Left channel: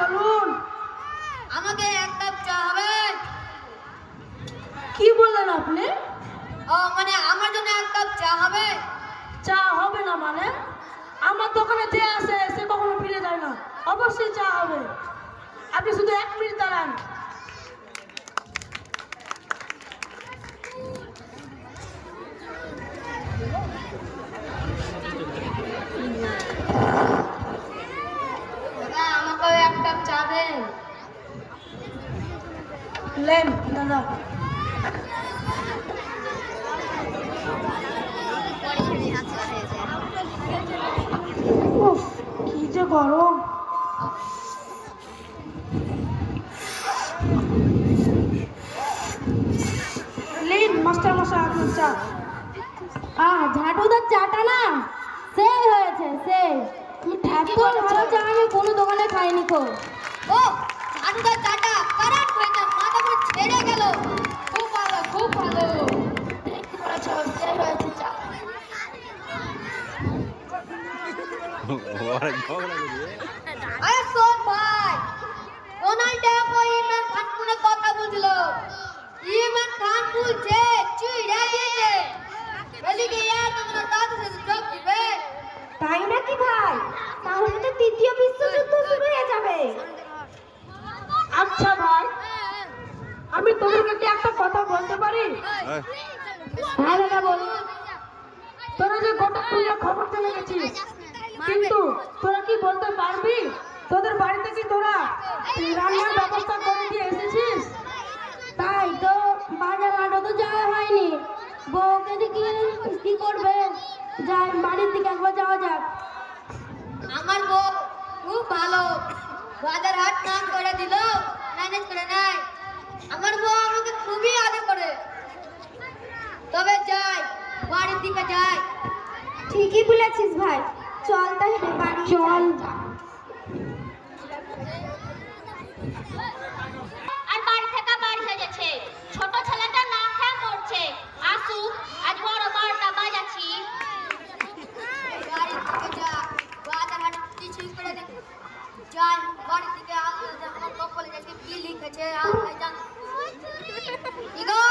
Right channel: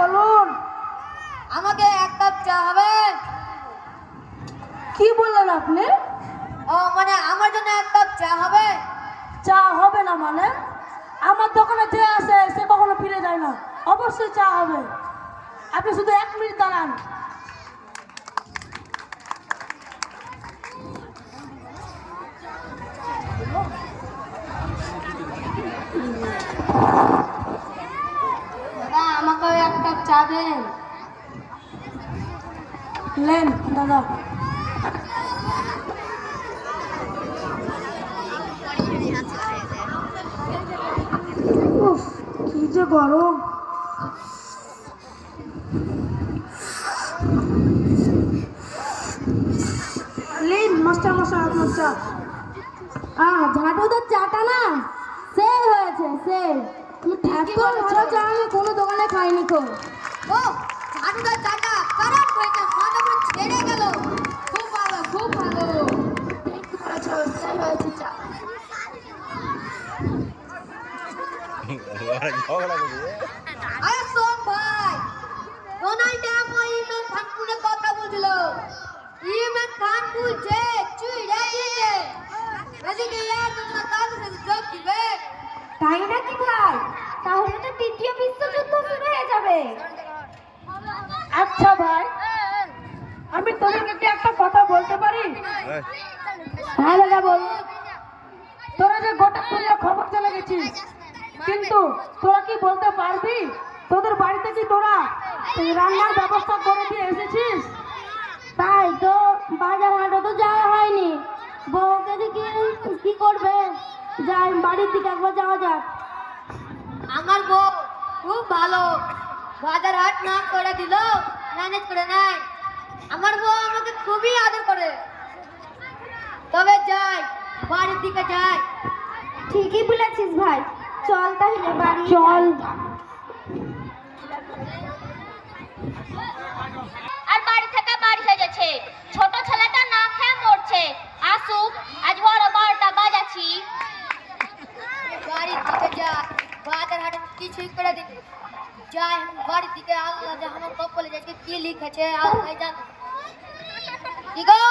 বলুন। আমাকে এক কাপ চা হবে? কি বললেন আপনি? ও মানে আমার জন্য এক কাপ চা হবে? চা হবে না মানে? আমার দোকানে যে আসে সে কখনো ফিরে যায় না, অবশ্যই চা হবে। আপনি শুধু 1 মিনিট দাঁড়ান। দাদা আমাকে এক কাপ চা দেন। লেন দাদা। উফ, কি যে গরম। লেন মাস্টার মশাই আপনার চা। ঝাঁটুদার চাটা না সেই হয়েছে সেই। তুমি ঠিকই বলেছো। চা আমি কোনো দোকানে খাইনি কো। ও ঝাঁটুদার চাটা কারাট হয়েছে, মাথা পুরো ছেড়ে গেল। খুব ভালো খুব ভালো। ঠিকই বলেছো সেই হয়েছে চা। আরে শোন ভাই, ডোনাল্ড ট্রাম্প ও ইমরান খান ফোনে কথা বলছিল। ইমরান খান বলছে চুইড়া দিয়েছে, এদিকে তোমার দাদু সাথে যোগ দিবে। তাই নাকি ভাই? তাহলে তো তৃতীয় বিশ্বযুদ্ধ শুরু হয়ে যাবে। আচ্ছা ভাই, আমি তোদেরকে কি একটা কথা বলতে পারি? হ্যাঁ দাদা বল। তোরা যে গোটা দুনিয়া খবর চলে গেছিস, কিন্তু তোরা কি বলতে পারবি তোদের বাড়িতে কি তোরা রান্নার ব্যবস্থা করে দিয়ে এসেছিস? তাই তো বাজার হাটও তো যাওয়া হয়নি, বউকে যে কি করবে, যাই বাড়ির দিকে একবার যাওয়া যাক। আমার বউ খুব ভালো, বাজার হাট না করে দিল ম্যানেজ করে নেয়। আমার বউ আমাকে খুবই আদর করে। তবে যাই বাড়ির দিকে যাই। ঠিকই বলেছিস ভাই, চল তাহলে বাড়ি চল। আর বাড়ি থেকে বাড়ি হয়ে গেছে, ছোট ছেলেটা না খেয়ে মরছে। আসুক, আজ বড় 12টা বাজাচ্ছি। বাড়ির দিকে যাই, বাজার হাট কিছুই করে দিন। যাই বাড়ির দিকে, আল্লাহ আমার কপালে যাচ্ছে কি লিখেছে আল্লাহ জানে। কি গো?